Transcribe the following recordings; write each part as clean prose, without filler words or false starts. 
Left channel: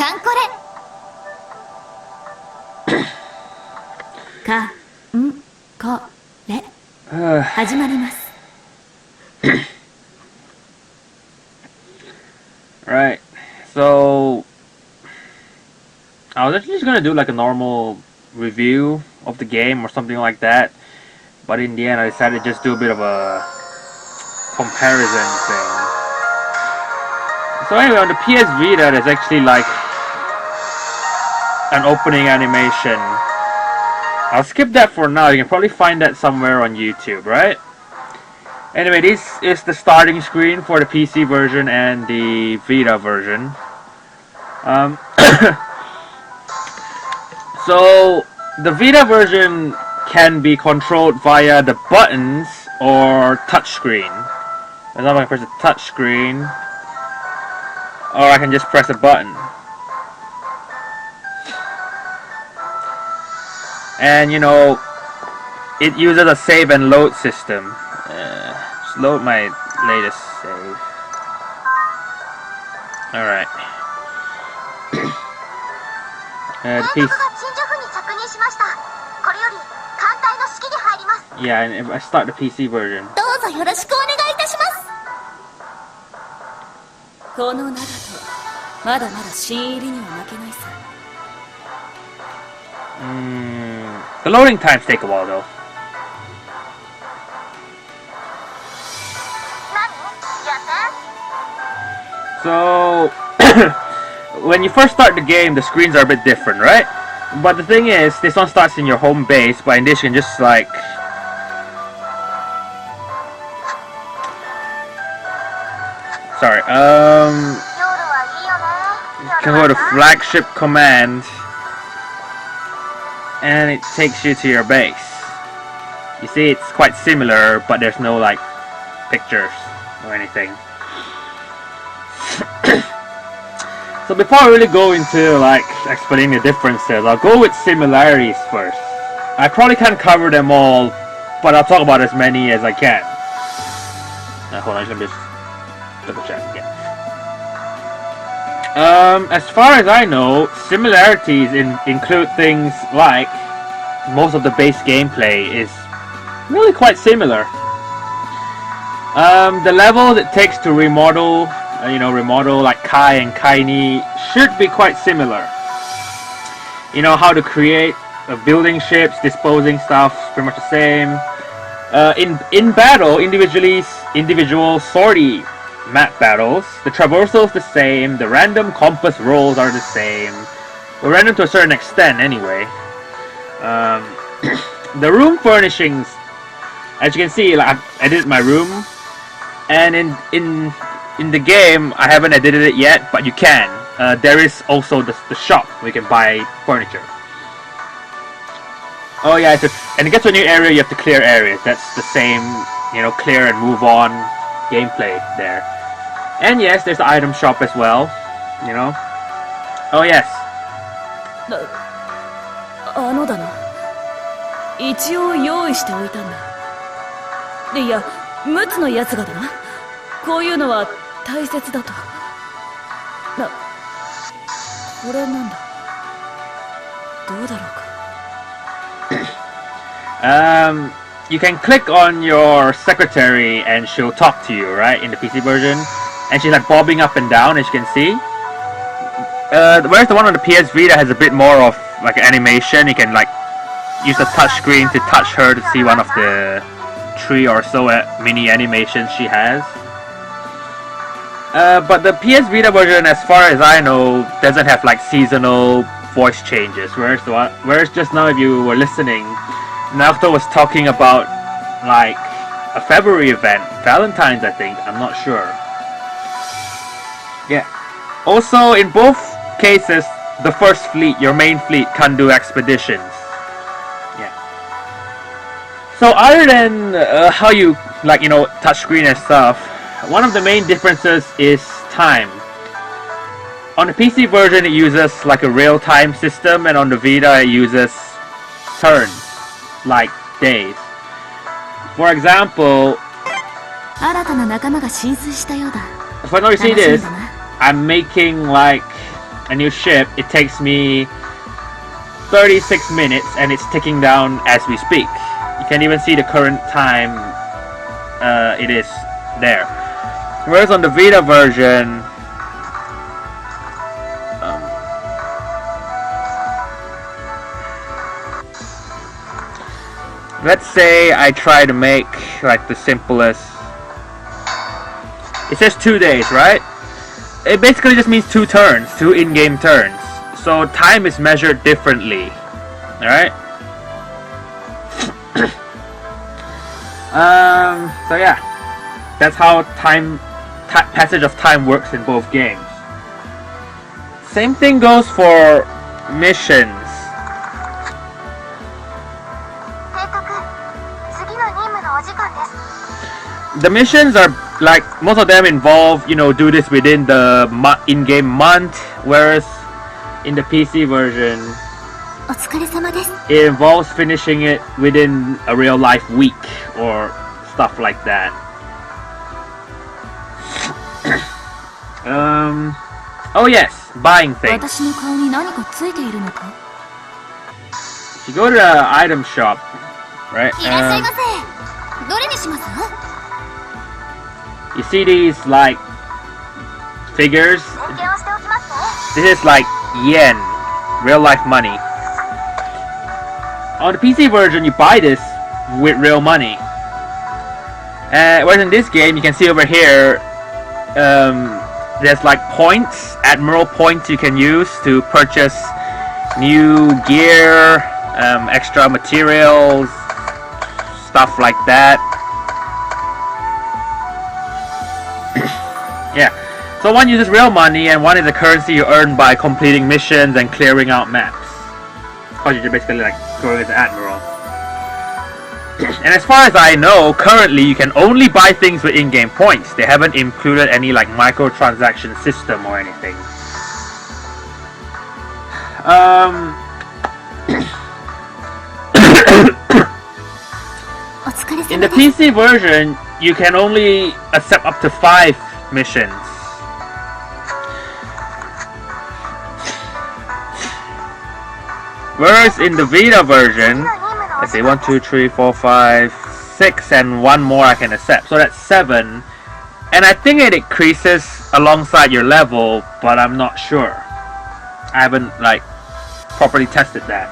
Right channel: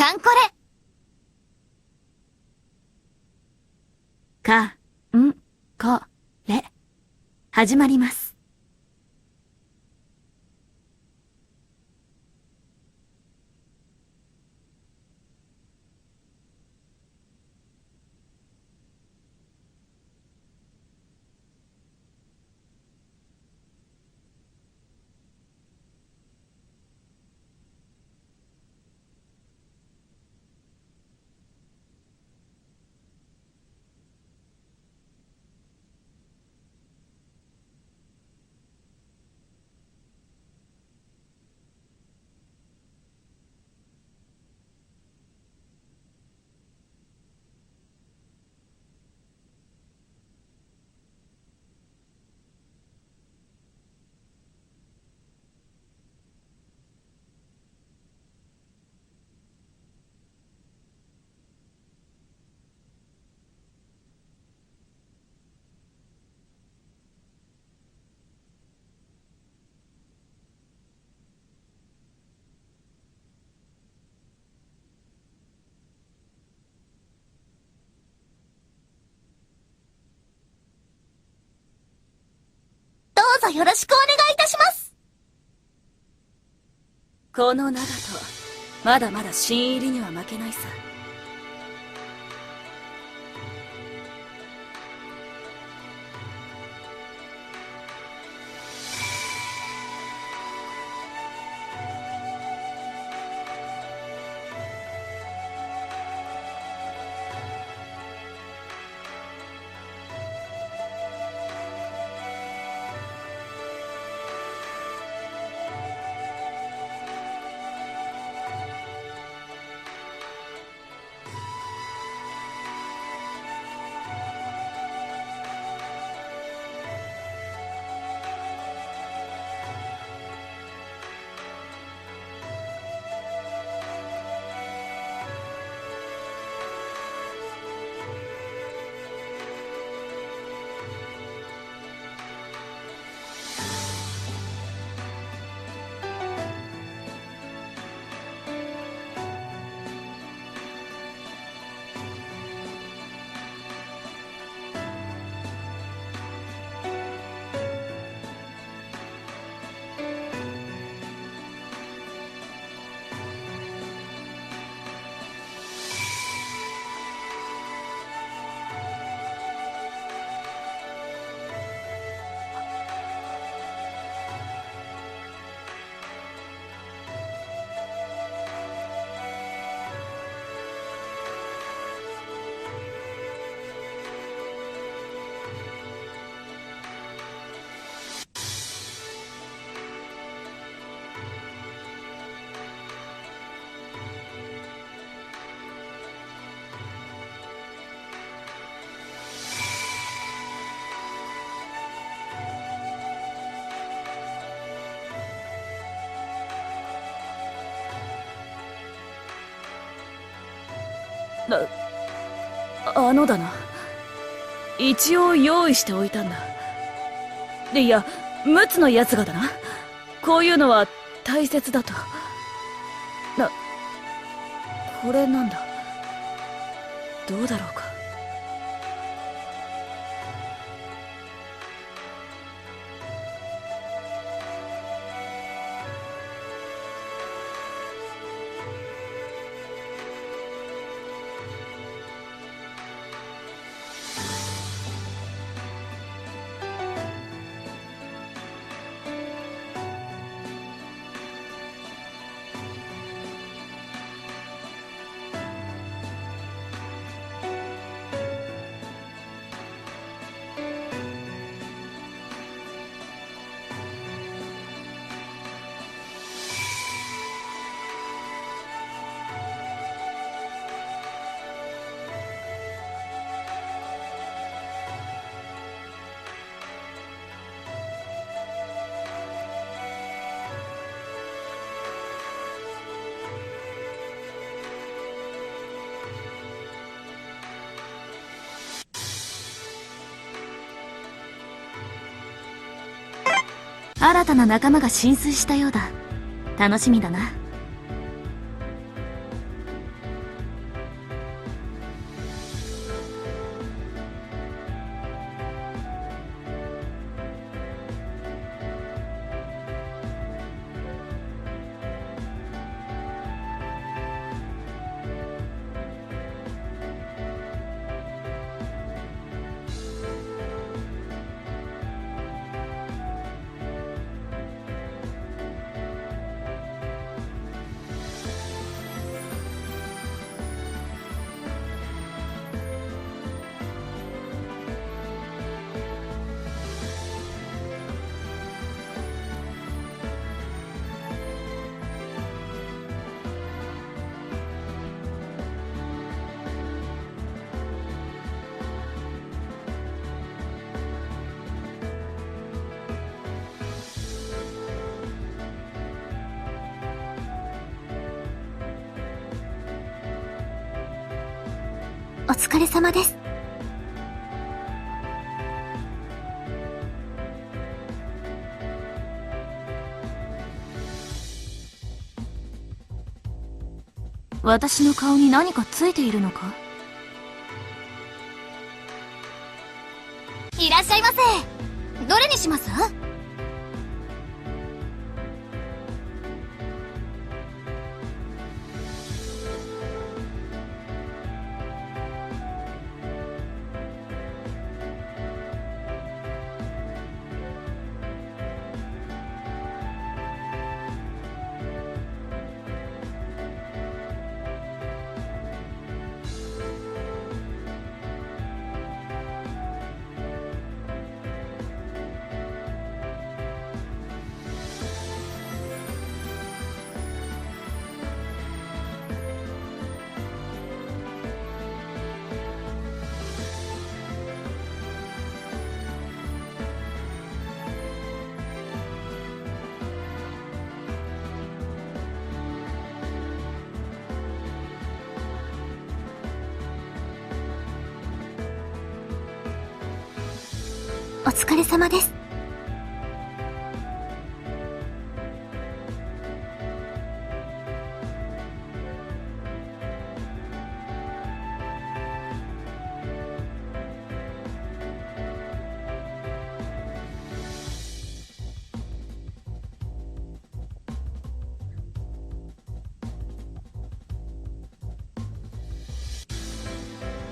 カンコレ。かんこれ。始まります。Right. So I was actually just gonna do like a normal review of the game or something like that, but in the end I decided to just do a bit of a comparison thing. So anyway, on the PS Vita there's actually like an opening animation. I'll skip that for now. You can probably find that somewhere on YouTube, right? Anyway, this is the starting screen for the PC version and the Vita version. So the Vita version can be controlled via the buttons or touchscreen. For example, I can press the touchscreen, or I can just press a button. And you know, it uses a save and load system. Just load my latest save. Alright. The piece. Yeah, and if I start the PC version. どうぞよろしくお願いいたします。この長とまだまだ新入りには負けないさ。The loading times take a while though. So when you first start the game, the screens are a bit different, right? But the thing is, this one starts in your home base, but in this you can just like you can go to flagship command and it takes you to your base. You see, it's quite similar, but there's no like pictures or anything. So before I really go into like explaining the differences, I'll go with similarities first. I probably can't cover them all, but I'll talk about as many as I can. Hold on, let me just double check. Yeah. As far as I know, similarities include things like most of the base gameplay is really quite similar. The levels it takes to remodel, remodel like Kai and Kaini should be quite similar. You know, how to create building ships, disposing stuff, pretty much the same. In battle, individual sortie map battles, the traversal is the same, the random compass rolls are the same. Well, random to a certain extent anyway. The room furnishings, as you can see, like I've edited my room, and in the game I haven't edited it yet, but you can. There is also the shop where you can buy furniture. Oh yeah, and to get to a new area you have to clear areas. That's the same, clear and move on gameplay there. And yes, there's the item shop as well, Oh yes. だな。一応用意しておいたんだ。いや、陸奥のやつがだな。こういうのは大切だと。これなんだ。どうだろうか。You can click on your secretary and she'll talk to you, right, in the PC version. And she's like bobbing up and down, as you can see. Whereas the one on the PS Vita has a bit more of like an animation. You can like use the touch screen to touch her to see one of the 3 or so mini animations she has. But the PS Vita version, as far as I know, doesn't have like seasonal voice changes. Whereas just now, if you were listening, Naruto was talking about like a February event, Valentine's, I think. I'm not sure. Yeah. Also, in both cases, the first fleet, your main fleet, can do expeditions. Yeah. So other than how you touchscreen and stuff, one of the main differences is time. On the PC version, it uses like a real-time system, and on the Vita, it uses turns, like days. For example, 新たな仲間が浸水したようだ。 if I know you see this, I'm making like a new ship, it takes me 36 minutes and it's ticking down as we speak. You can even see the current time it is there. Whereas on the Vita version, let's say I try to make like the simplest. It says 2 days, right? It basically just means 2 turns, 2 in-game turns. So time is measured differently. Alright? So yeah. That's how passage of time works in both games. Same thing goes for missions. The missions are like, most of them involve, you know, do this within the in-game month, whereas in the PC version, it involves finishing it within a real-life week or stuff like that. Oh yes, buying things. You go to the item shop, right? You see these like figures? This is like yen, real life money. On the PC version, you buy this with real money. Whereas in this game, you can see over here, there's like points, admiral points you can use to purchase new gear, extra materials, stuff like that. Yeah, so one uses real money and one is a currency you earn by completing missions and clearing out maps. Because you're basically like going as an admiral. And as far as I know, currently you can only buy things with in-game points. They haven't included any like microtransaction system or anything. In the PC version, you can only accept up to 5 missions. Whereas in the Vita version, let's see, 1, 2, 3, 4, 5, 6, and one more I can accept. So that's 7. And I think it increases alongside your level, but I'm not sure. I haven't like properly tested that.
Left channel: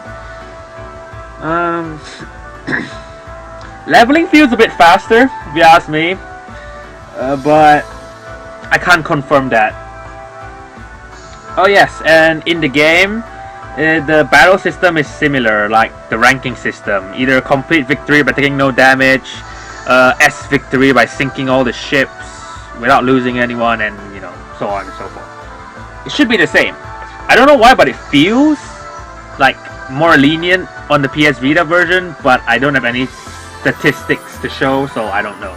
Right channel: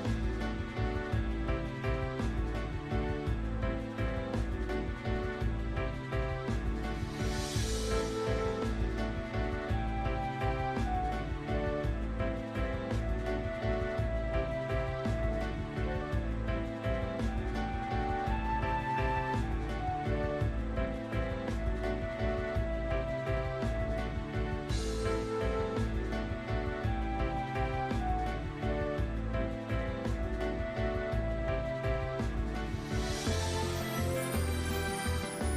Leveling feels a bit faster, if you ask me, but I can't confirm that. Oh yes, and in the game, the battle system is similar, like the ranking system. Either complete victory by taking no damage, S victory by sinking all the ships without losing anyone, and you know, so on and so forth. It should be the same. I don't know why, but it feels like more lenient on the PS Vita version, but I don't have any statistics to show, so I don't know.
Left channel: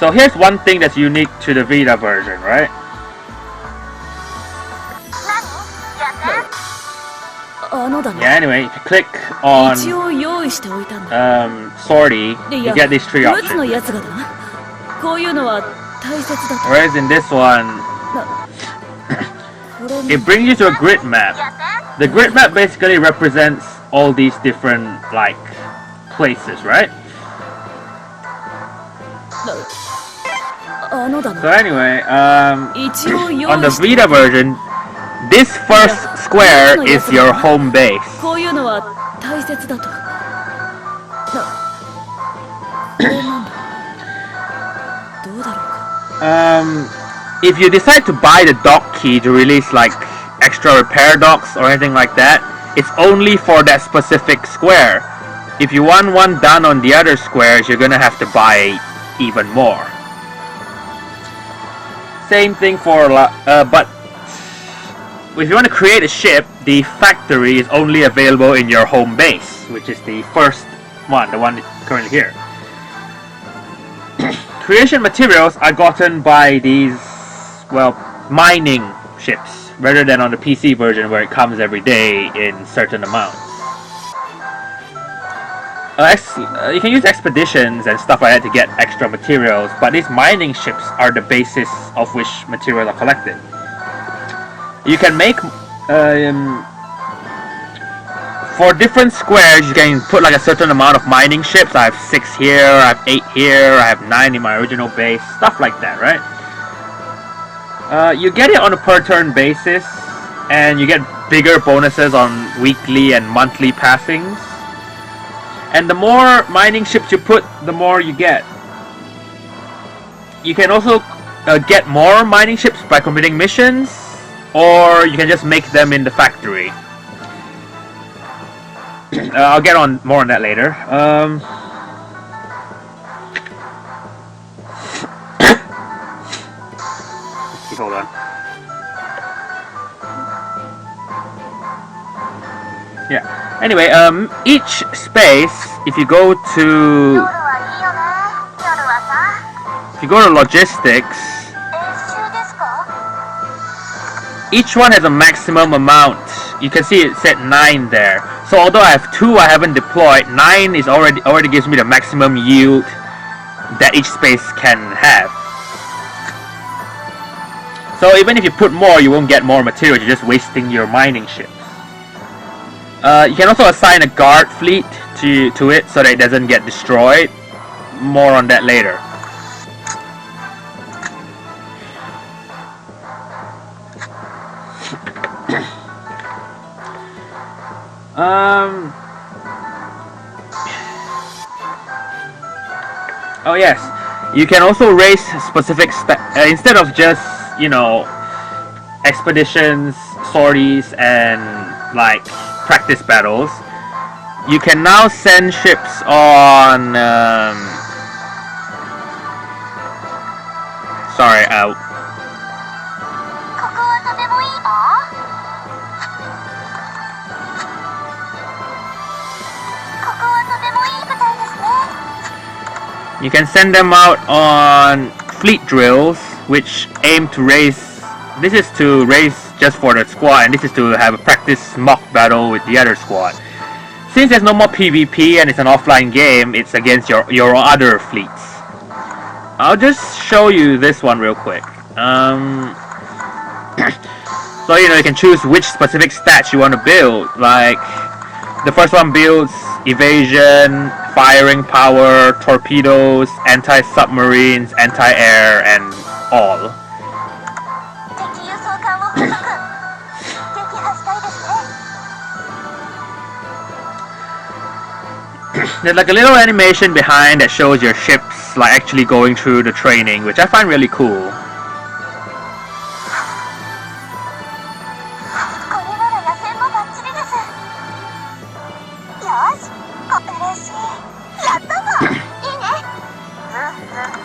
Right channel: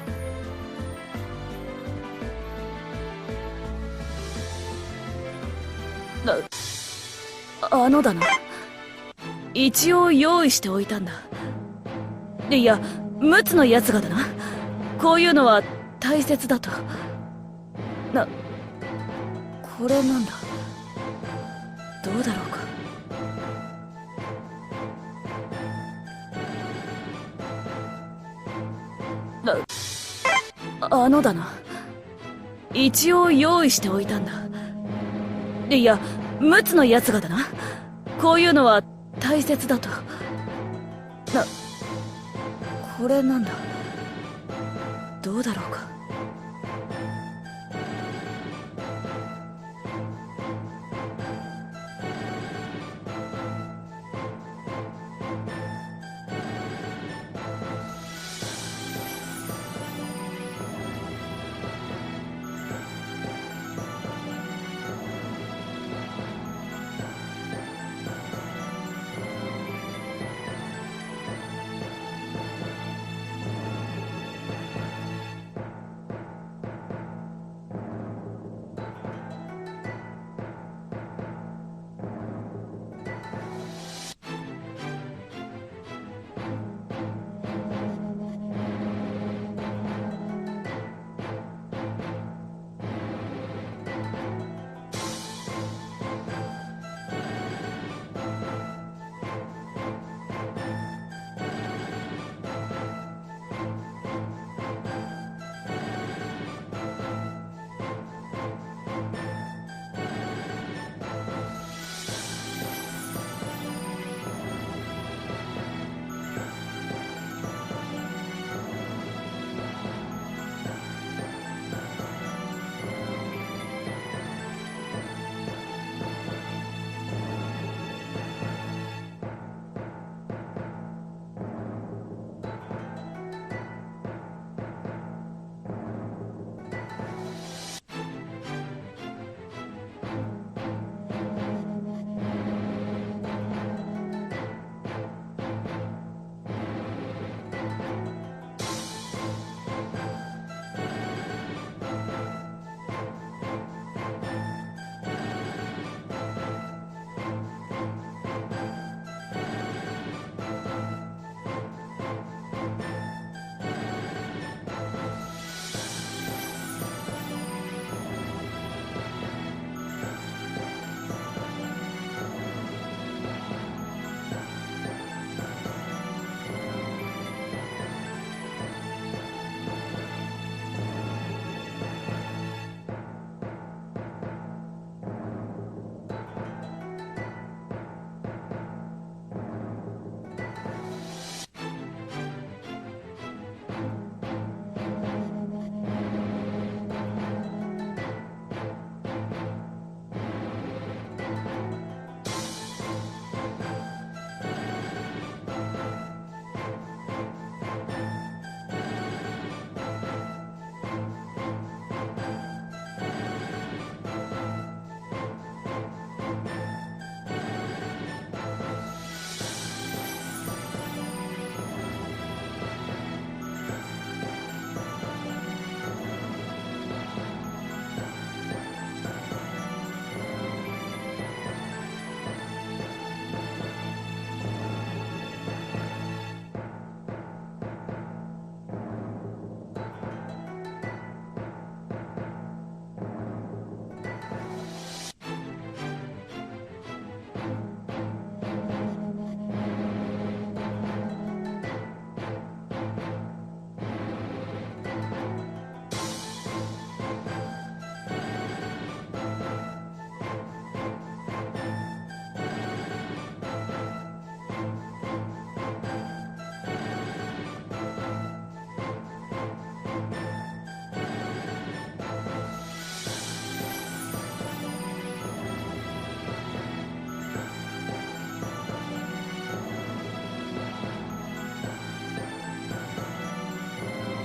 So here's one thing that's unique to the Vita version, right? Yeah, anyway, if you click on sortie, you get these 3 options. Whereas in this one, it brings you to a grid map. The grid map basically represents all these different like places, right? So anyway, on the Vita version, this first square is your home base. If you decide to buy the dock key to release like extra repair docks or anything like that, it's only for that specific square. If you want one done on the other squares, you're gonna have to buy even more. Same thing for but if you want to create a ship, the factory is only available in your home base, which is the first one, the one currently here. Creation materials are gotten by these, well, mining ships, rather than on the PC version where it comes every day in certain amounts. You can use expeditions and stuff like that to get extra materials, but these mining ships are the basis of which materials are collected. You can make for different squares, you can put like a certain amount of mining ships. I have 6 here, I have 8 here, I have 9 in my original base, stuff like that, right? You get it on a per turn basis, and you get bigger bonuses on weekly and monthly passings. And the more mining ships you put, the more you get. You can also get more mining ships by completing missions, or you can just make them in the factory. I'll get on more on that later. Hold on. Yeah. Anyway, each space, if you go to logistics, each one has a maximum amount. You can see it said 9 there. So although I have 2 I haven't deployed, 9 is already gives me the maximum yield that each space can have. So even if you put more, you won't get more materials, you're just wasting your mining ships. You can also assign a guard fleet to it so that it doesn't get destroyed. More on that later. Oh yes, you can also raise specific instead of just, you know, expeditions, sorties, and like practice battles. You can now send ships on. Sorry, you can send them out on fleet drills, which aim to raise. This is to raise just for the squad, and this is to have a practice mock battle with the other squad. Since there's no more PvP and it's an offline game, it's against your other fleets. I'll just show you this one real quick. So you know, you can choose which specific stats you want to build. Like the first one builds evasion, firing power, torpedoes, anti-submarines, anti-air, and all. There's like a little animation behind that shows your ships like actually going through the training, which I find really cool.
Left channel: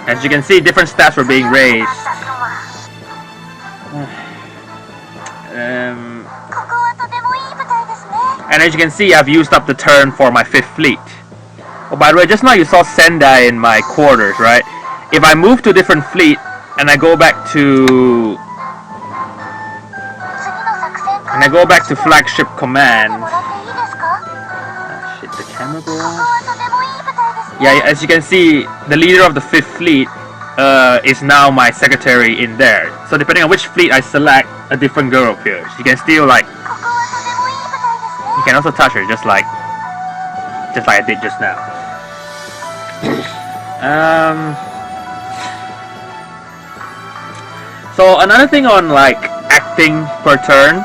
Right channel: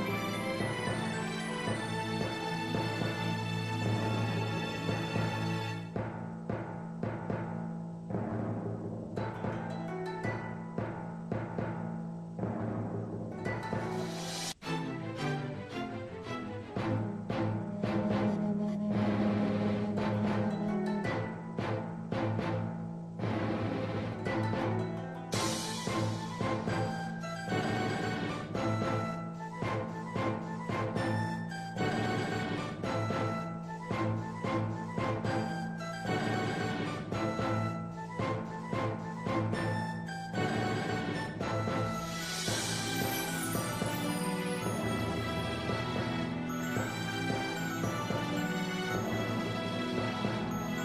As you can see, different stats were being raised. And as you can see, I've used up the turn for my 5th fleet. Oh, by the way, just now you saw Sendai in my quarters, right? If I move to a different fleet and I go back to flagship command. Shit, the camera go on? Yeah, as you can see, the leader of the 5th fleet is now my secretary in there. So depending on which fleet I select, a different girl appears. You can still like, you can also touch her just like I did just now. So another thing on like acting per turn,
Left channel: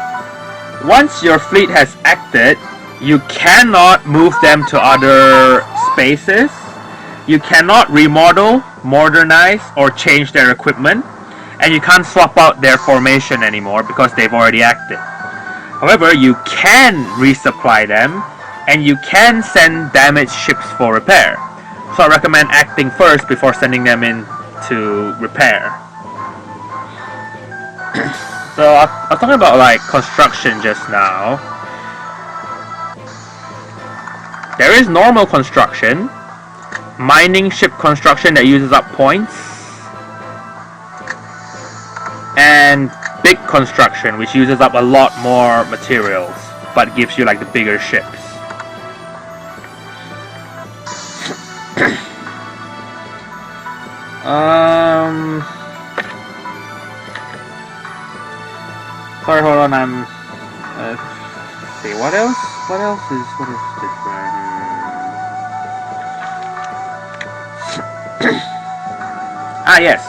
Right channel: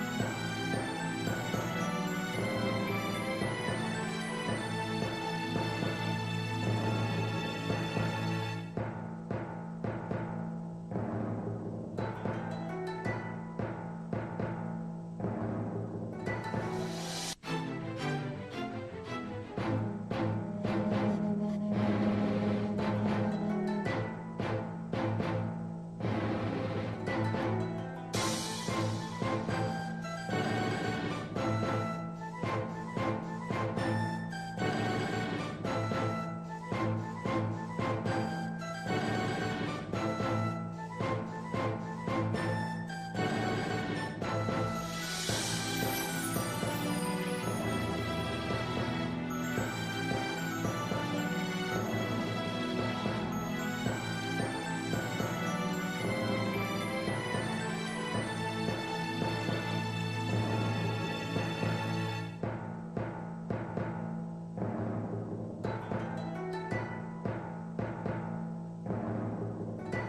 once your fleet has acted, you cannot move them to other spaces. You cannot remodel, modernize, or change their equipment, and you can't swap out their formation anymore because they've already acted. However, you can resupply them, and you can send damaged ships for repair. So I recommend acting first before sending them in to repair. So I was talking about like construction just now. There is normal construction, mining ship construction that uses up points, and big construction which uses up a lot more materials but gives you like the bigger ships. Sorry, hold on. one I'm... let's see, what else? What is different? Yes.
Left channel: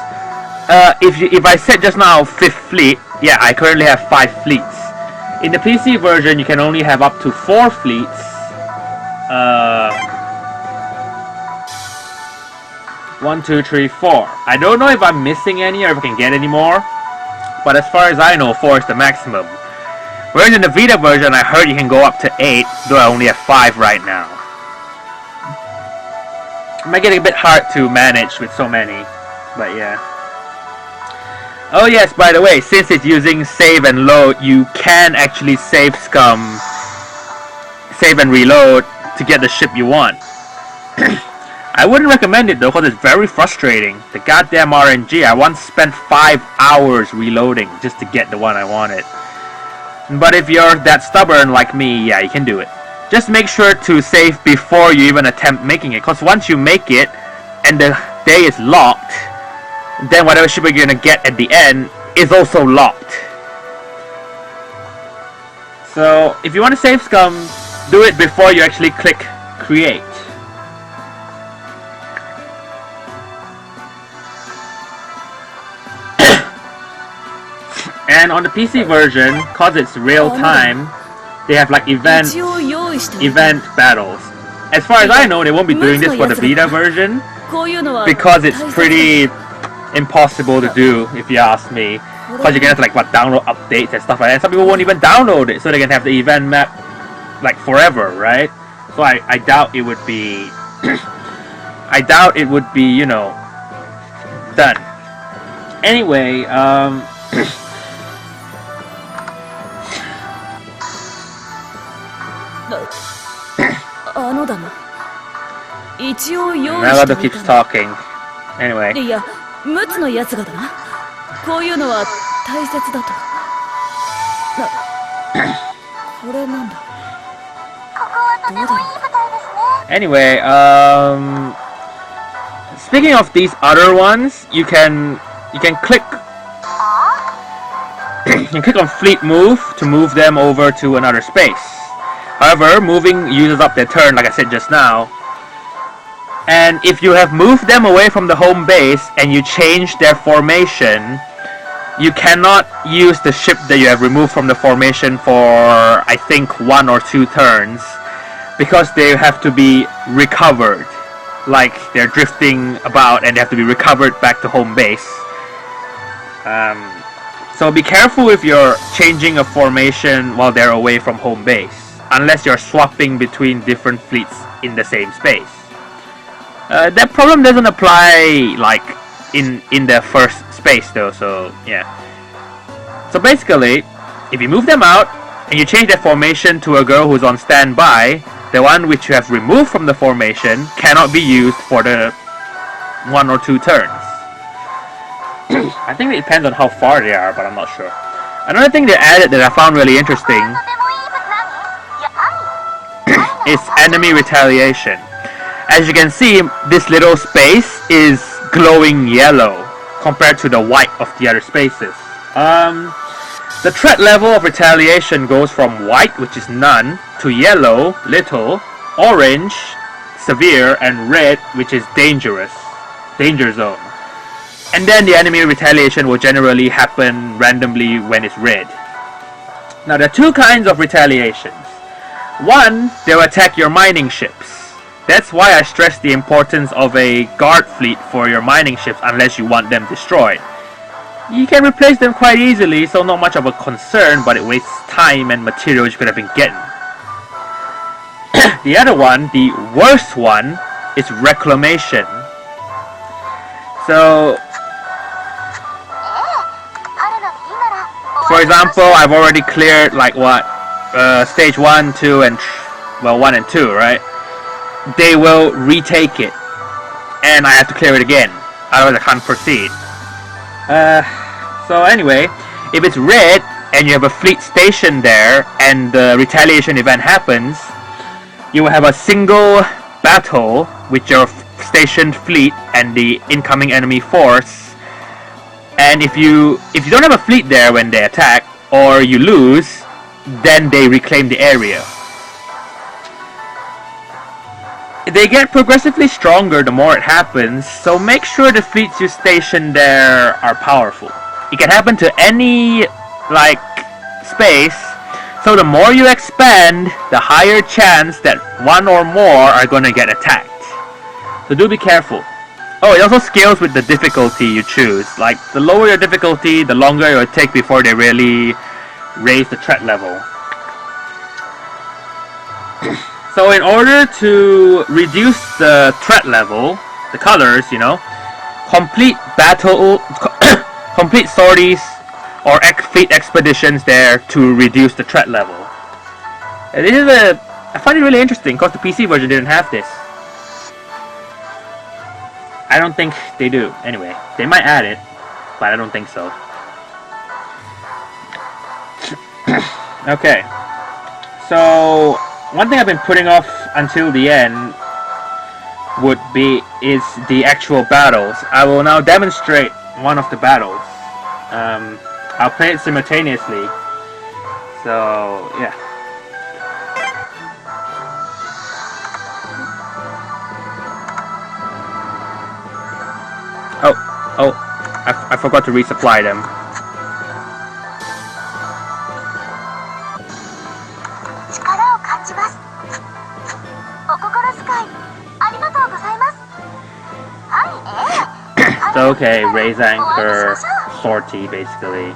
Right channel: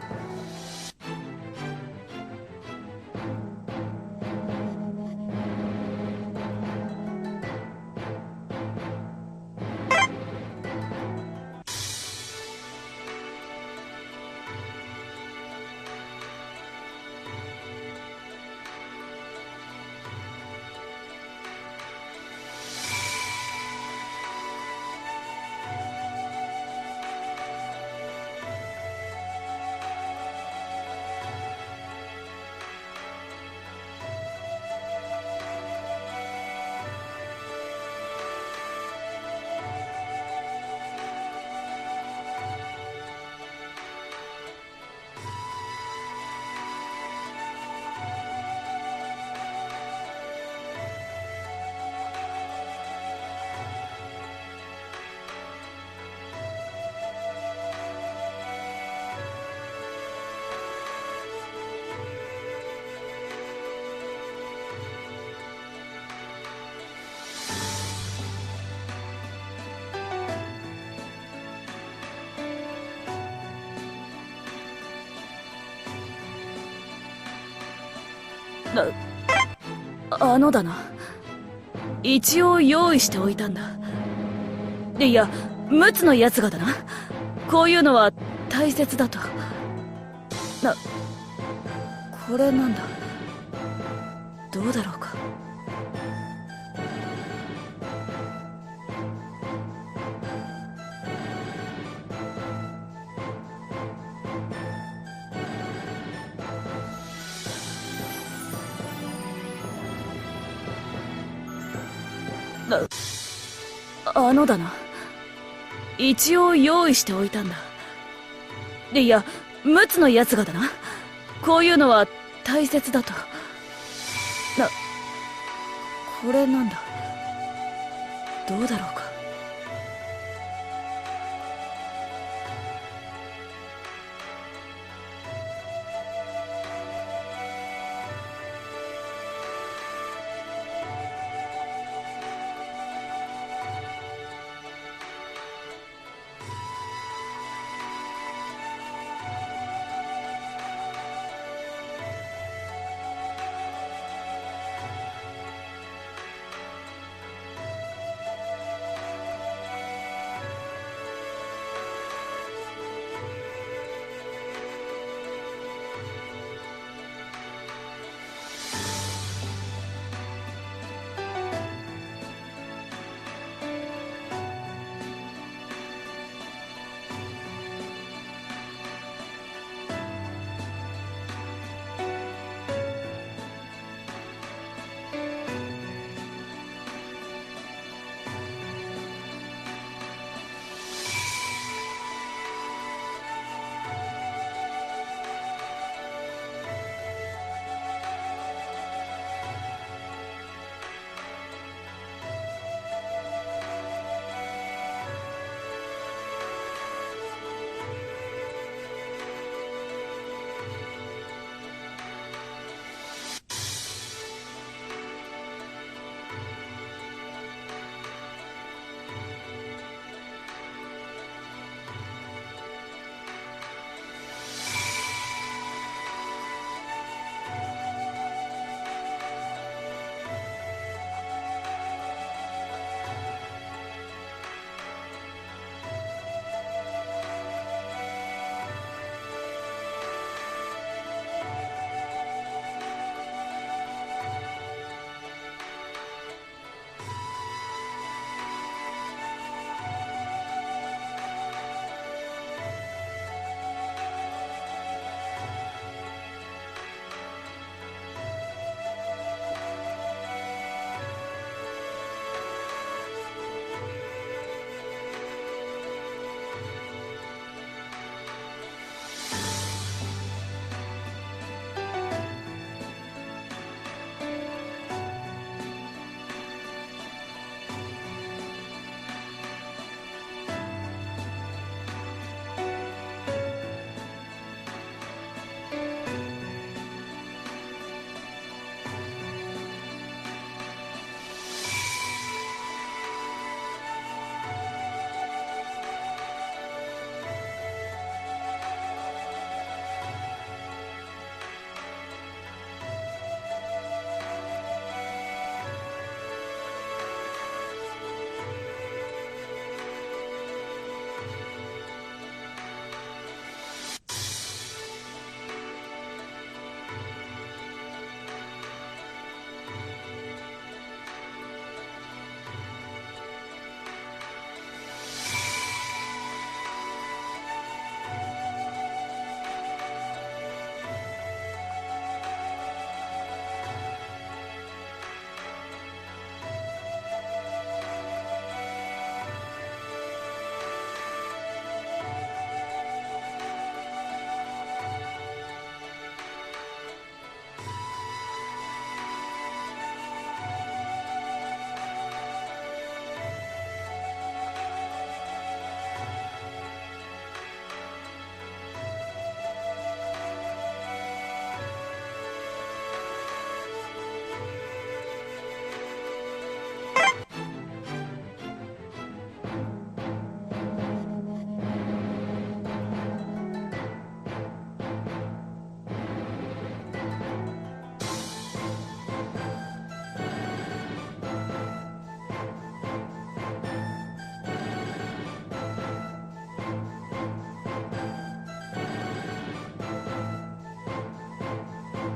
If I said just now 5th fleet, yeah, I currently have 5 fleets. In the PC version, you can only have up to 4 fleets. 1, 2, 3, 4. I don't know if I'm missing any or if I can get any more, but as far as I know, 4 is the maximum. Whereas in the Vita version, I heard you can go up to 8, though I only have 5 right now. It might get a bit hard to manage with so many, but yeah. Oh yes, by the way, since it's using save and load, you can actually save and reload to get the ship you want. I wouldn't recommend it though, because it's very frustrating. The goddamn RNG, I once spent 5 hours reloading just to get the one I wanted. But if you're that stubborn like me, yeah, you can do it. Just make sure to save before you even attempt making it, because once you make it and the day is locked, then whatever ship you're gonna get at the end is also locked. So if you want to save scum, do it before you actually click create. And on the PC version, cause it's real time, they have like event battles. As far as I know, they won't be doing this for the Vita version, because it's pretty impossible to do, if you ask me. Because you're gonna have to like download updates and stuff like that. Some people won't even download it, so they can have the event map like forever, right? So I doubt it would be I doubt it would be, you know, done. Anyway, Melody keeps talking. Anyway. いや、陸奥のやつがだな。こういうのは大切だと。これなんだ。どうだろうか。Anyway, speaking of these other ones, you can click you click on fleet move to move them over to another space. However, moving uses up their turn, like I said just now. And if you have moved them away from the home base and you change their formation, you cannot use the ship that you have removed from the formation for, I think, 1 or 2 turns, because they have to be recovered. Like, they're drifting about and they have to be recovered back to home base. So be careful if you're changing a formation while they're away from home base, unless you're swapping between different fleets in the same space. That problem doesn't apply like in the first space though, so yeah. So basically, if you move them out and you change their formation to a girl who's on standby, the one which you have removed from the formation cannot be used for the 1 or 2 turns. I think it depends on how far they are, but I'm not sure. Another thing they added that I found really interesting is enemy retaliation. As you can see, this little space is glowing yellow compared to the white of the other spaces. The threat level of retaliation goes from white, which is none, to yellow, little, orange, severe, and red, which is dangerous, danger zone. And then the enemy retaliation will generally happen randomly when it's red. Now there are 2 kinds of retaliations. One, they'll attack your mining ships. That's why I stress the importance of a guard fleet for your mining ships unless you want them destroyed. You can replace them quite easily, so not much of a concern, but it wastes time and materials you could have been getting. The other one, the worst one, is reclamation. So, for example, I've already cleared like what? Stage 1, 2, and 1 and 2, right? They will retake it, and I have to clear it again, otherwise I can't proceed. So anyway, if it's red and you have a fleet stationed there and the retaliation event happens, you will have a single battle with your stationed fleet and the incoming enemy force. And if you don't have a fleet there when they attack, or you lose, then they reclaim the area. They get progressively stronger the more it happens, so make sure the fleets you station there are powerful. It can happen to any, like, space, so the more you expand, the higher chance that one or more are gonna get attacked. So do be careful. Oh, it also scales with the difficulty you choose. Like, the lower your difficulty, the longer it will take before they really raise the threat level. So in order to reduce the threat level, the colors, you know, complete complete sorties or fleet expeditions there to reduce the threat level. And this is I find it really interesting because the PC version didn't have this. I don't think they do. Anyway, they might add it, but I don't think so. Okay, so one thing I've been putting off until the end is the actual battles. I will now demonstrate one of the battles. I'll play it simultaneously. So yeah. Oh, I forgot to resupply them. So okay, raise anchor, sortie basically.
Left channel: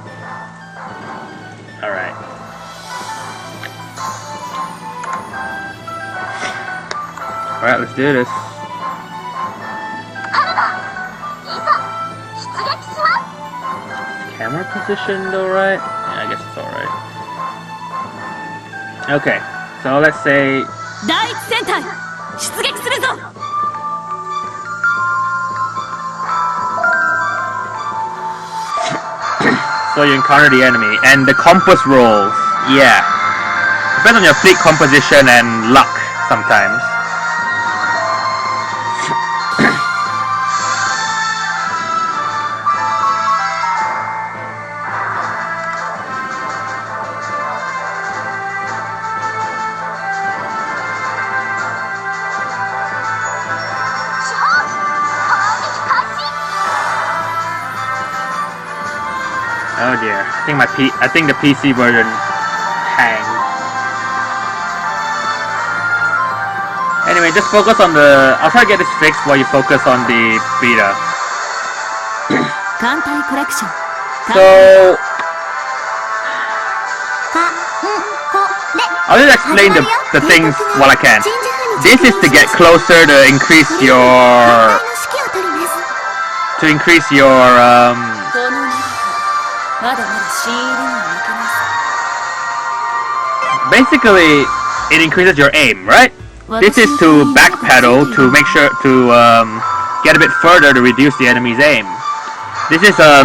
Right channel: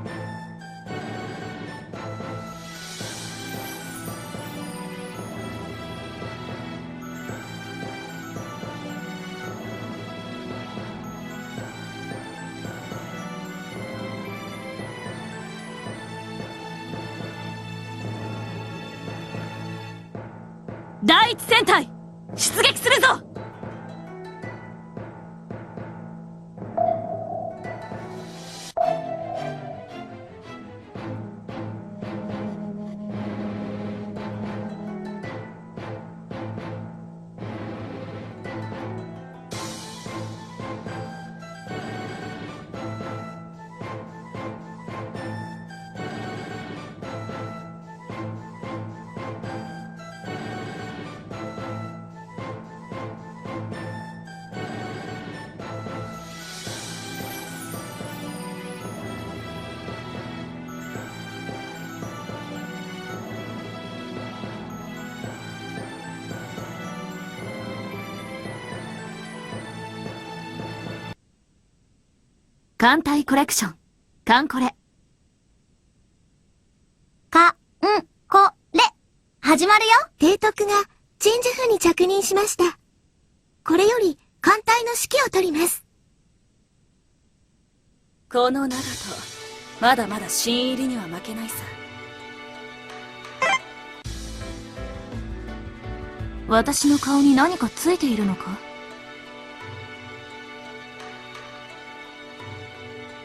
Alright. Alright, let's do this. Camera positioned alright? Yeah, I guess it's alright. Okay, so let's say... 第一戦隊出撃するぞ。 So you encounter the enemy, and the compass rolls, yeah. Depends on your fleet composition and luck, sometimes. Oh dear, I think the PC version hanged. Anyway, just focus on I'll try to get this fixed while you focus on the Vita. Kantai Collection. So, I'll just explain the things while I can. This is to get closer to increase your basically, it increases your aim, right? This is to backpedal to make sure to get a bit further to reduce the enemy's aim. This is a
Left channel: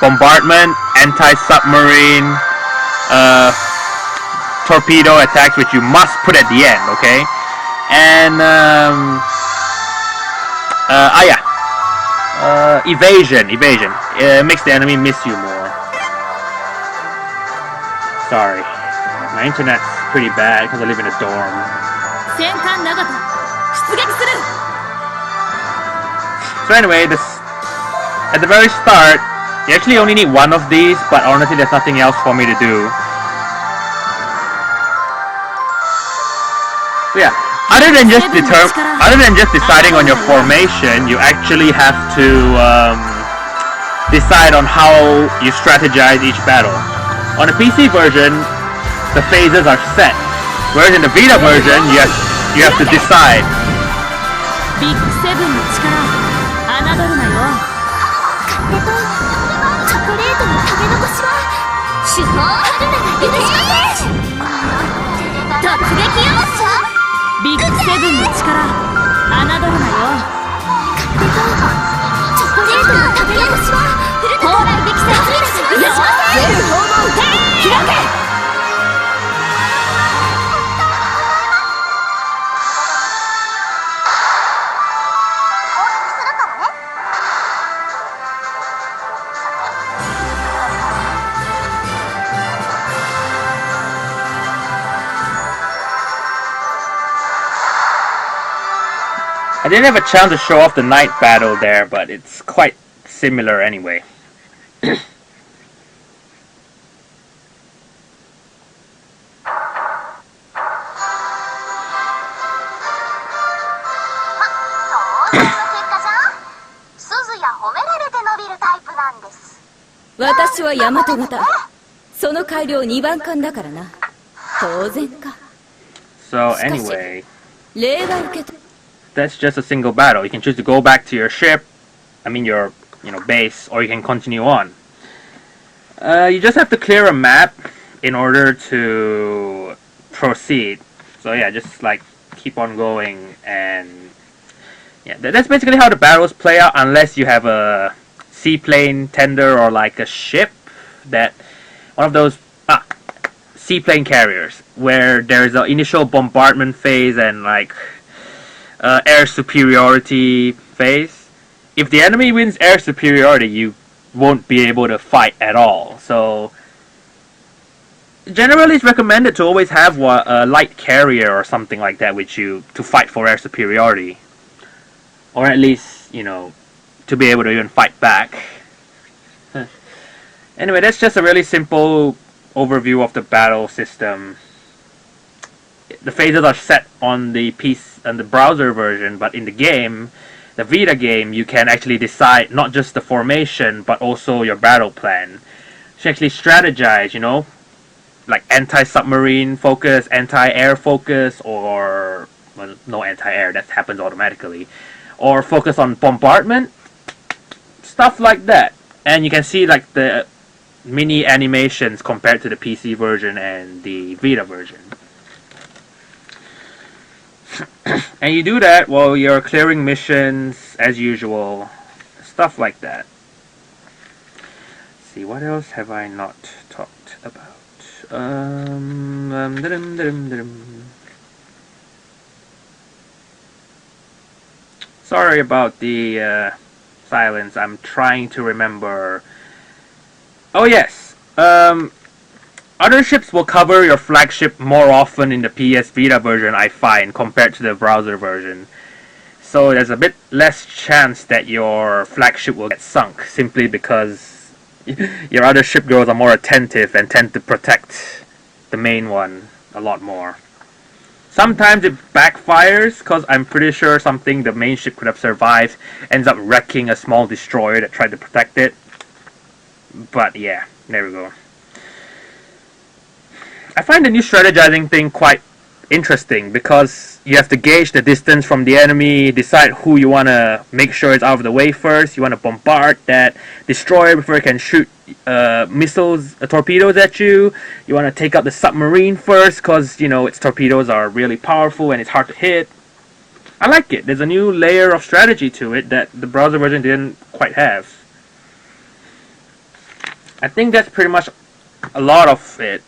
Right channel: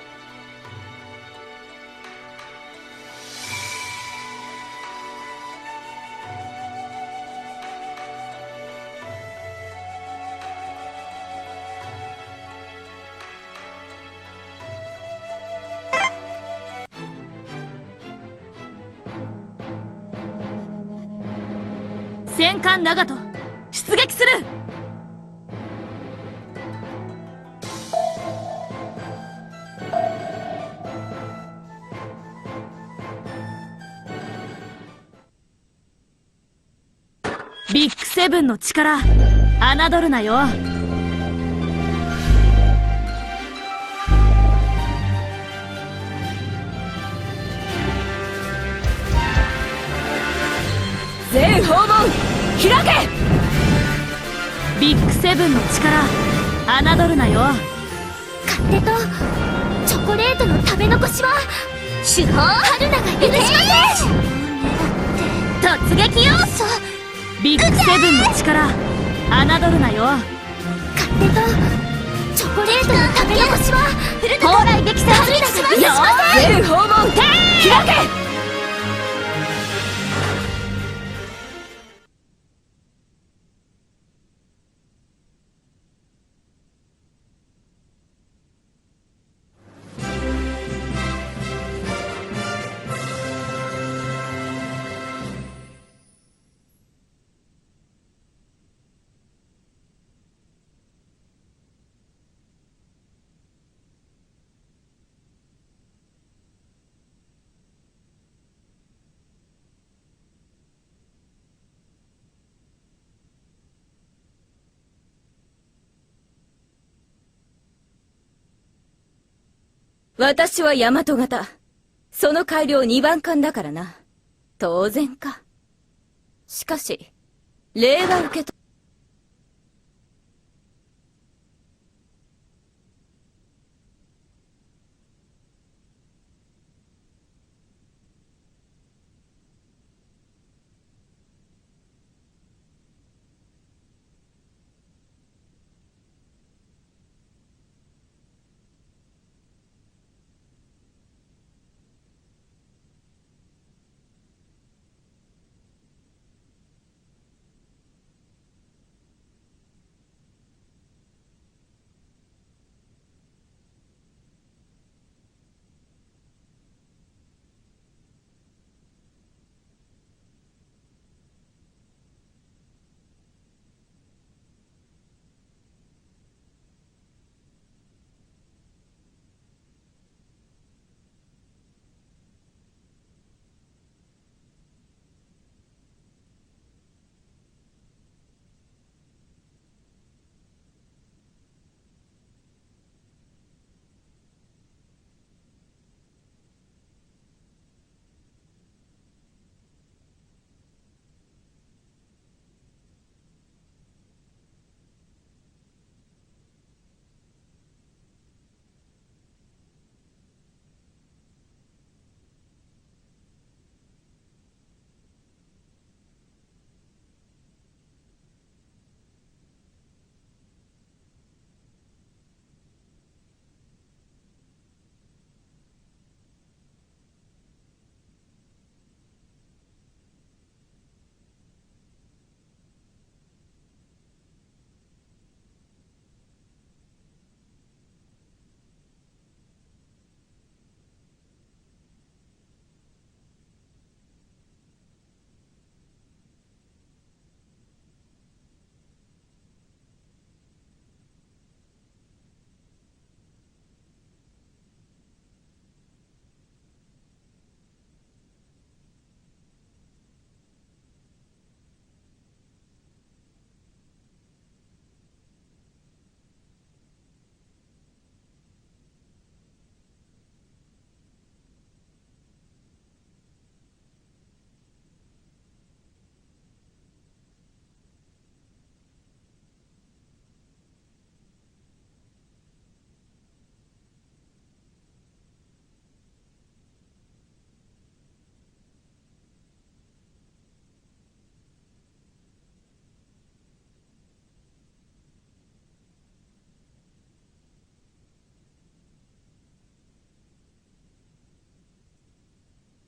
bombardment, anti-submarine, torpedo attacks, which you must put at the end, okay? And evasion. It makes the enemy miss you more. Sorry, my internet's pretty bad because I live in a dorm. So anyway, at the very start, you actually only need one of these, but honestly there's nothing else for me to do. So yeah, other than just deciding on your formation, you actually have to decide on how you strategize each battle. On the PC version, the phases are set, whereas in the Vita version, you have to decide. Big 7の力、侮るなよ。勝手とチョコレートの食べ残しは手法春菜が許しません。突撃よ。ビッグ7の力、侮るなよ。勝手とチョコレートの食べ残しは蓬莱激戦春菜が許しません。全訪問開け。 So I didn't have a chance to show off the night battle there, but it's quite similar anyway. So anyway, that's just a single battle. You can choose to go back to your ship, your base, or you can continue on. You just have to clear a map in order to proceed. So yeah, just like keep on going, and yeah, that's basically how the battles play out, unless you have a seaplane tender or like a ship that one of those seaplane carriers where there's an initial bombardment phase and like air superiority phase. If the enemy wins air superiority, you won't be able to fight at all. So generally it's recommended to always have a light carrier or something like that with you to fight for air superiority, or at least to be able to even fight back. Anyway, that's just a really simple overview of the battle system. The phases are set on the browser version, but in the game, the Vita game, you can actually decide not just the formation, but also your battle plan. You actually strategize, like anti-submarine focus, anti-air focus, or no anti-air, that happens automatically, or focus on bombardment, stuff like that. And you can see like the mini animations compared to the PC version and the Vita version. And you do that while you're clearing missions as usual, stuff like that. Let's see, what else have I not talked about? Sorry about the silence. I'm trying to remember. Oh yes, other ships will cover your flagship more often in the PS Vita version, I find, compared to the browser version. So there's a bit less chance that your flagship will get sunk, simply because your other ship girls are more attentive and tend to protect the main one a lot more. Sometimes it backfires, because I'm pretty sure something the main ship could have survived ends up wrecking a small destroyer that tried to protect it. But yeah, there we go. I find the new strategizing thing quite interesting, because you have to gauge the distance from the enemy, decide who you want to make sure is out of the way first. You want to bombard that destroyer before it can shoot missiles, torpedoes at you. You want to take out the submarine first, because its torpedoes are really powerful and it's hard to hit. I like it. There's a new layer of strategy to it that the browser version didn't quite have. I think that's pretty much a lot of it.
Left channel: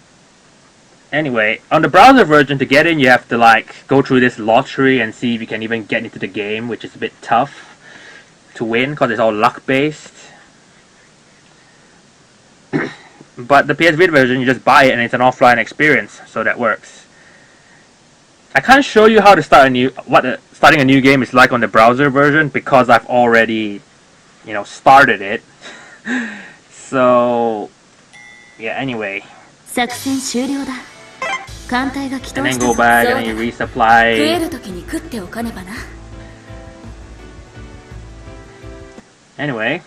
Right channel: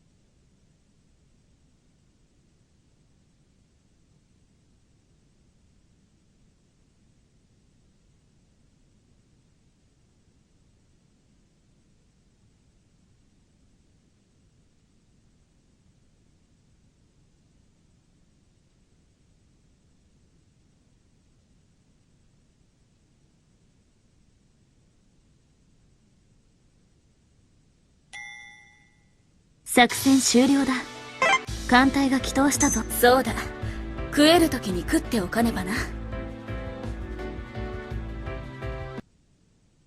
Anyway, on the browser version, to get in, you have to go through this lottery and see if you can even get into the game, which is a bit tough to win because it's all luck based. But the PS Vita version, you just buy it and it's an offline experience, so that works. I can't show you how to start starting a new game is like on the browser version, because I've already, started it. So yeah, anyway. 作戦終了だ。艦隊が帰投したぞ。そうだ。食える時に食っておかねばな。Anyway,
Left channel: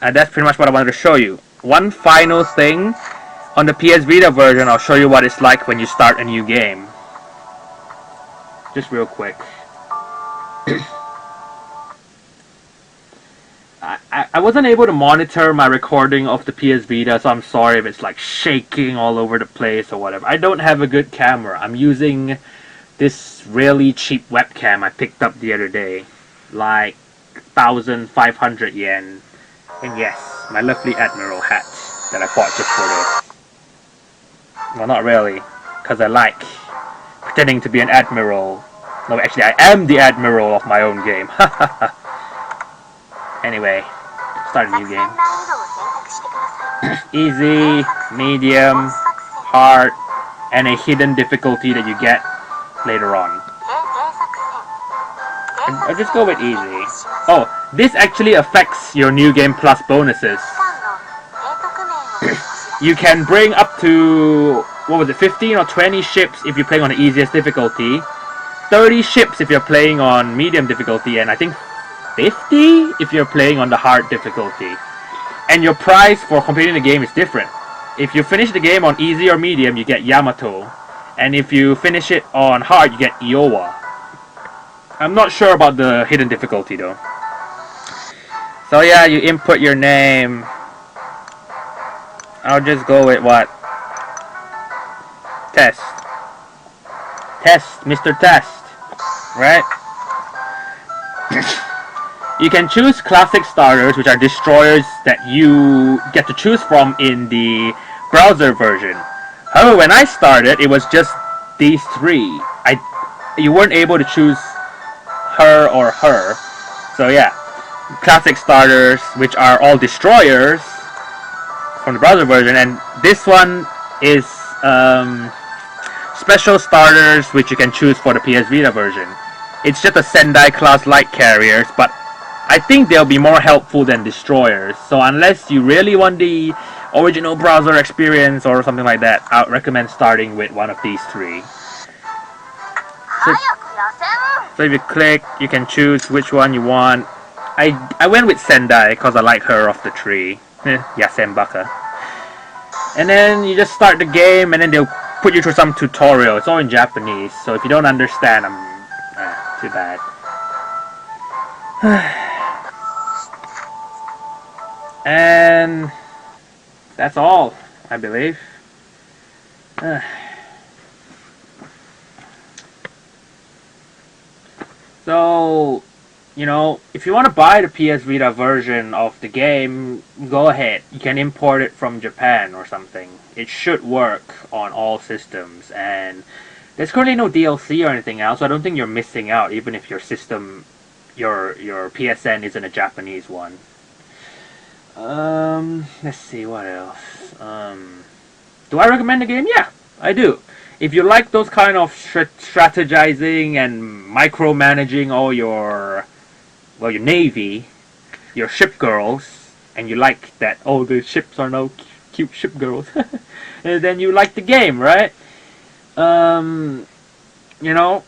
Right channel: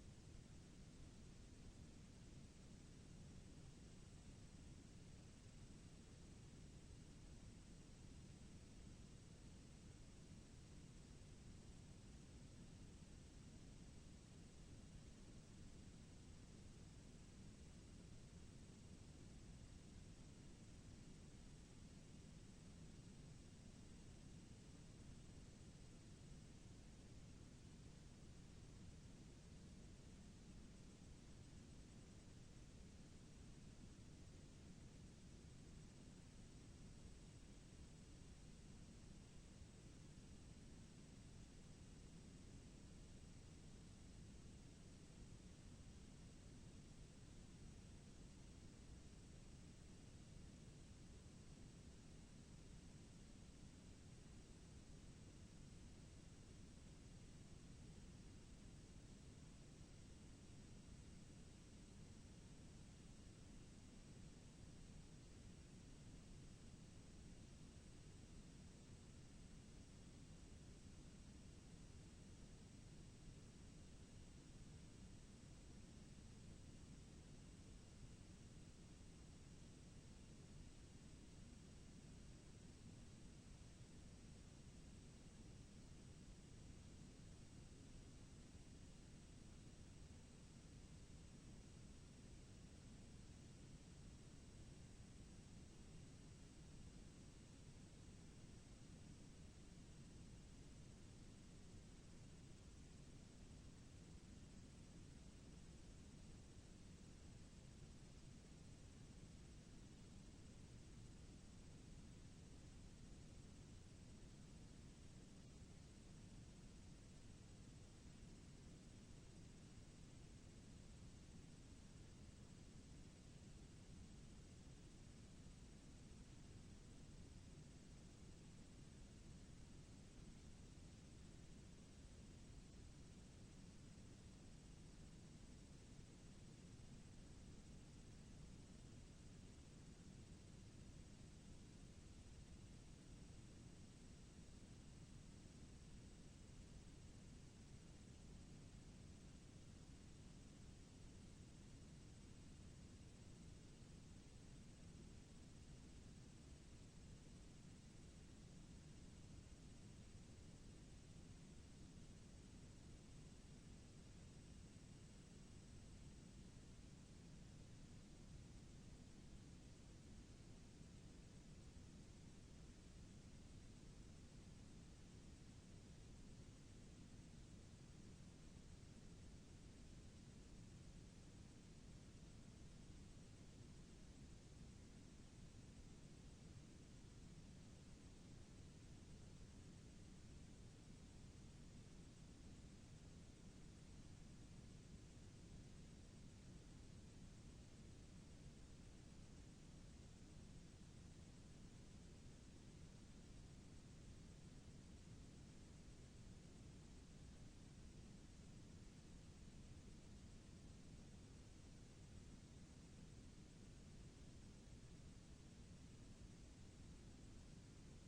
that's pretty much what I wanted to show you. One final thing, on the PS Vita version, I'll show you what it's like when you start a new game. Just real quick. I wasn't able to monitor my recording of the PS Vita, so I'm sorry if it's shaking all over the place or whatever. I don't have a good camera. I'm using this really cheap webcam I picked up the other day. 1,500 yen. And yes, my lovely Admiral hat that I bought just for this. Well, not really, because I like pretending to be an Admiral. No, actually, I am the Admiral of my own game. Anyway, start a new game. Easy, medium, hard, and a hidden difficulty that you get later on. I'll just go with easy. Oh, this actually affects your New Game Plus bonuses. You can bring up to, what was it, 15 or 20 ships if you're playing on the easiest difficulty, 30 ships if you're playing on medium difficulty, and I think 50 if you're playing on the hard difficulty. And your prize for completing the game is different. If you finish the game on easy or medium, you get Yamato. And if you finish it on hard, you get Iowa. I'm not sure about the hidden difficulty though. So yeah, you input your name. I'll just go with what? Test. Test, Mr. Test. Right? You can choose classic starters, which are destroyers that you get to choose from in the browser version. However, when I started, it was just these three. You weren't able to choose her or her. So yeah, classic starters, which are all destroyers from the browser version, and this one is special starters, which you can choose for the PS Vita version. It's just a Sendai class light carriers, but I think they'll be more helpful than destroyers. So unless you really want the original browser experience or something like that, I would recommend starting with one of these three. So if you click, you can choose which one you want. I went with Sendai because I like her off the tree. Yasenbaka. And then you just start the game, and then they'll put you through some tutorial. It's all in Japanese, so if you don't understand, too bad. And that's all, I believe. So, you know, if you want to buy the PS Vita version of the game, go ahead. You can import it from Japan or something. It should work on all systems, and there's currently no DLC or anything else, so I don't think you're missing out, even if your system, your PSN isn't a Japanese one. Let's see, what else? Do I recommend the game? Yeah, I do. If you like those kind of strategizing and micromanaging all your, well, your navy, your ship girls, and you like that, oh, the ships are now cute ship girls, and then you like the game, right? You know,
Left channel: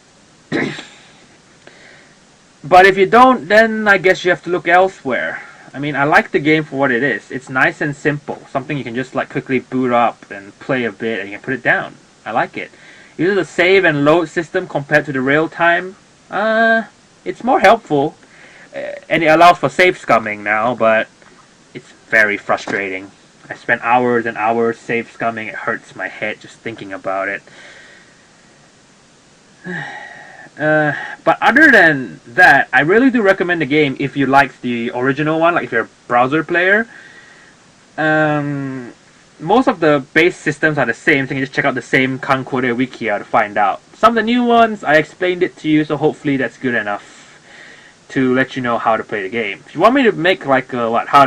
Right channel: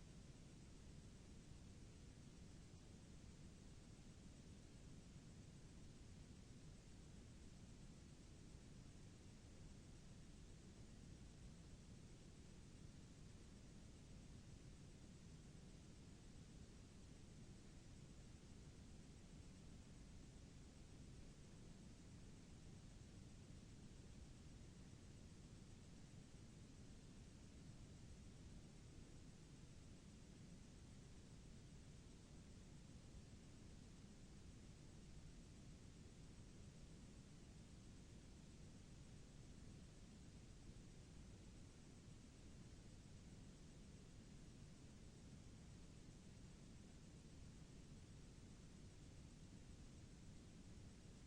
but if you don't, then I guess you have to look elsewhere. I mean, I like the game for what it is. It's nice and simple. Something you can just like quickly boot up and play a bit and you can put it down. I like it. Uses the save and load system compared to the real time. It's more helpful. And it allows for save scumming now, but it's very frustrating. I spent hours and hours save scumming. It hurts my head just thinking about it. But other than that, I really do recommend the game if you like the original one, like if you're a browser player. Most of the base systems are the same, so you can just check out the same Kankore Wikia to find out. Some of the new ones, I explained it to you, so hopefully that's good enough to let you know how to play the game. If you want me to make like a how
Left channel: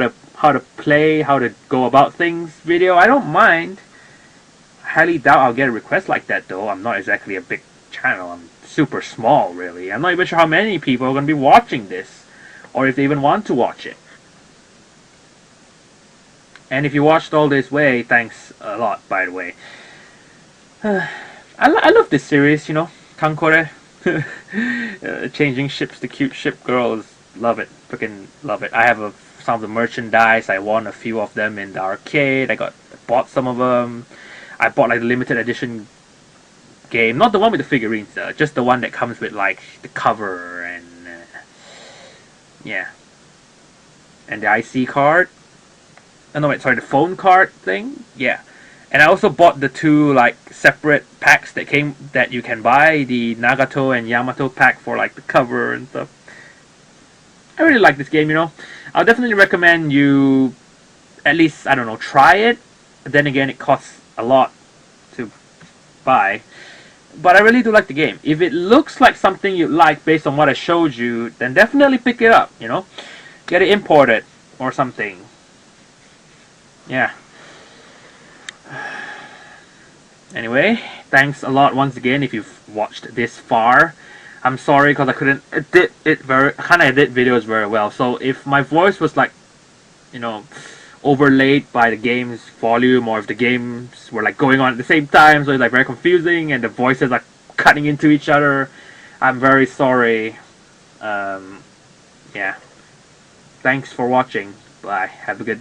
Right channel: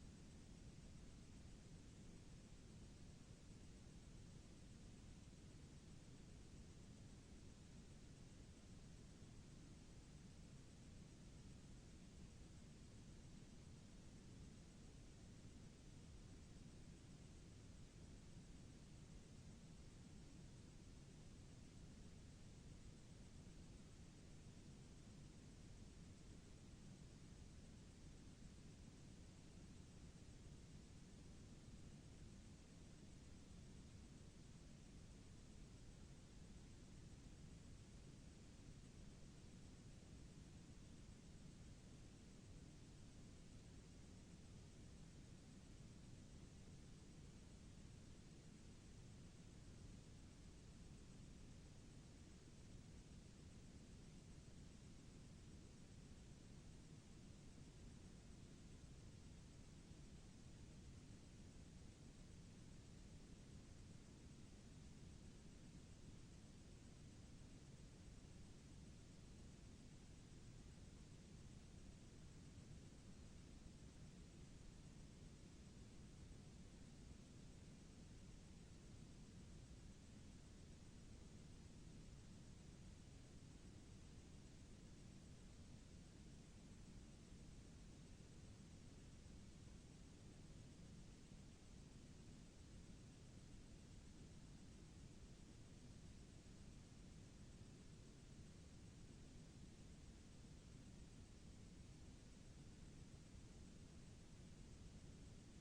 to play, how to go about things video, I don't mind. I highly doubt I'll get a request like that though. I'm not exactly a big channel. I'm super small, really. I'm not even sure how many people are going to be watching this, or if they even want to watch it. And if you watched all this way, thanks a lot, by the way. I love this series, you know, Kankore. Changing ships to cute ship girls. Love it. Freaking love it. I have some of the merchandise. I won a few of them in the arcade. I bought some of them. I bought like the limited edition game, not the one with the figurines, just the one that comes with like the cover and yeah, and the IC card. Oh no, wait, sorry, the phone card thing. Yeah, and I also bought the two like separate packs that you can buy, the Nagato and Yamato pack for like the cover and stuff. I really like this game, you know. I'll definitely recommend you at least, I don't know, try it. But then again, it costs a lot to buy. But I really do like the game. If it looks like something you like based on what I showed you, then definitely pick it up, you know. Get it imported or something. Yeah. Anyway, thanks a lot once again if you've watched this far. I'm sorry because I couldn't edit videos very well. So if my voice was like, you know, overlaid by the game's volume, or if the games were like going on at the same time, so it's like very confusing and the voices are cutting into each other, I'm very sorry. Yeah. Thanks for watching. Bye. Have a good